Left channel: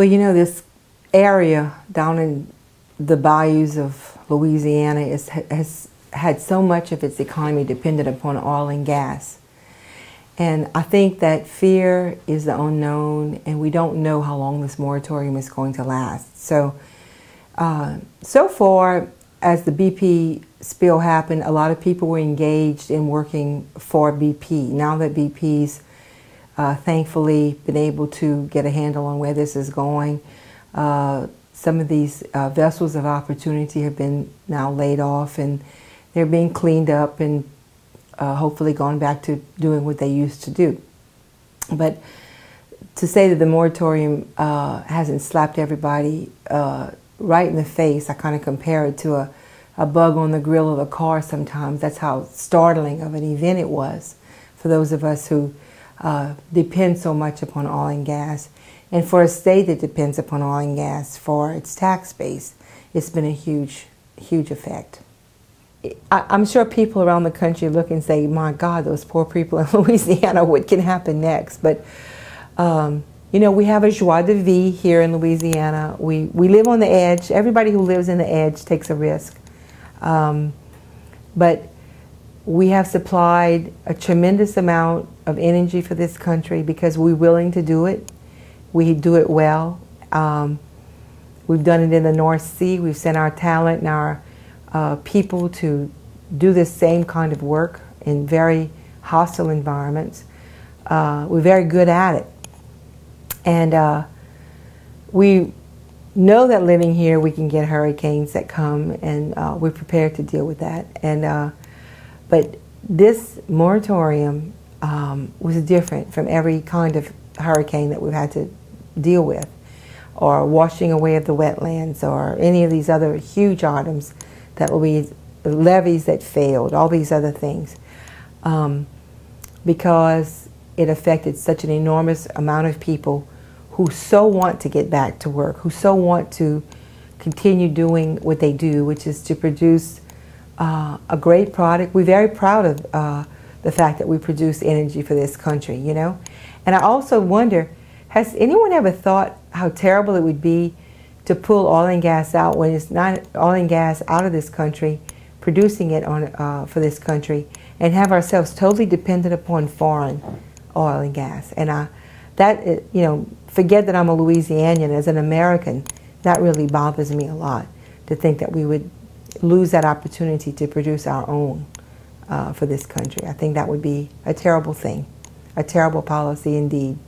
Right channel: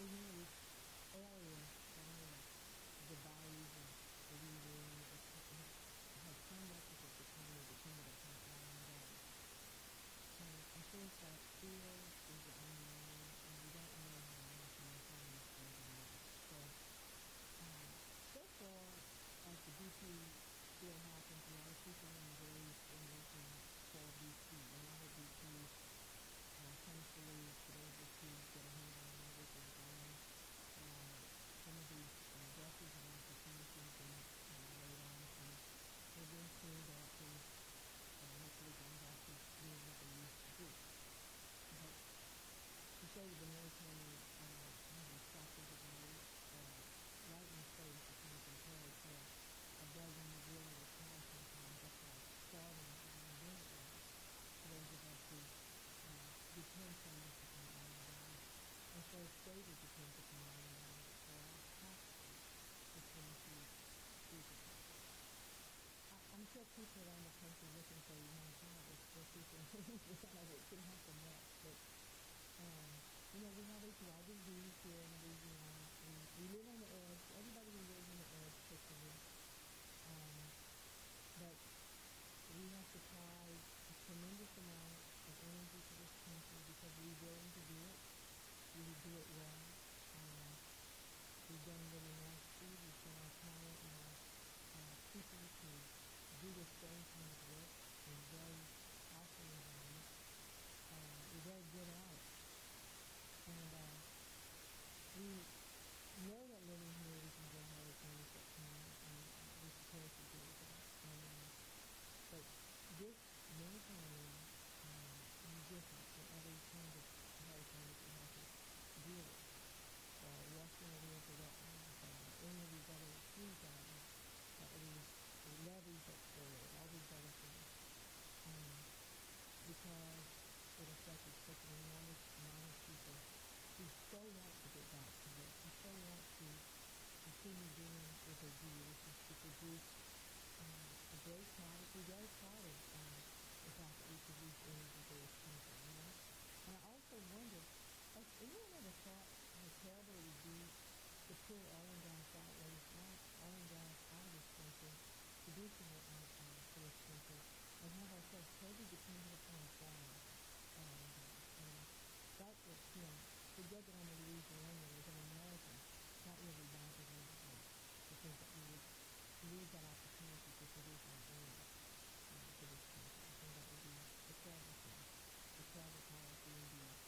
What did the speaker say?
Well, you know, this area down in the bayous of Louisiana has had so much of its economy dependent upon oil and gas. And I think that fear is the unknown, and we don't know how long this moratorium is going to last. So, so far, as the BP spill happened, a lot of people were engaged in working for BP. Now that BP's thankfully been able to get a handle on where this is going, some of these vessels of opportunity have been now laid off, and they're being cleaned up and hopefully gone back to doing what they used to do. But to say that the moratorium hasn't slapped everybody right in the face, I kind of compare it to a bug on the grill of a car sometimes. That's how startling of an event it was for those of us who depend so much upon oil and gas. And for a state that depends upon oil and gas for its tax base, it's been a huge, huge effect. I'm sure people around the country look and say, my God, those poor people in Louisiana, what can happen next? But, you know, we have a joie de vivre here in Louisiana. We live on the edge. Everybody who lives in the edge takes a risk. But we have supplied a tremendous amount of energy for this country because we're willing to do it. We do it well. We've done it in the North Sea. We've sent our talent and our people to do this same kind of work in very hostile environments. We're very good at it. And we know that living here we can get hurricanes that come, and we're prepared to deal with that. And but this moratorium was different from every kind of hurricane that we've had to deal with, or washing away of the wetlands, or any of these other huge items that will be levees that failed, all these other things, because it affected such an enormous amount of people who so want to get back to work, who so want to continue doing what they do, which is to produce a great product. We're very proud of the fact that we produce energy for this country, you know. And I also wonder, has anyone ever thought how terrible it would be to pull oil and gas out when it's not oil and gas out of this country, producing it on for this country, and have ourselves totally dependent upon foreign oil and gas? And that, you know, forget that I'm a Louisianian. As an American, that really bothers me a lot, to think that we would lose that opportunity to produce our own for this country. I think that would be a terrible thing, a terrible policy indeed.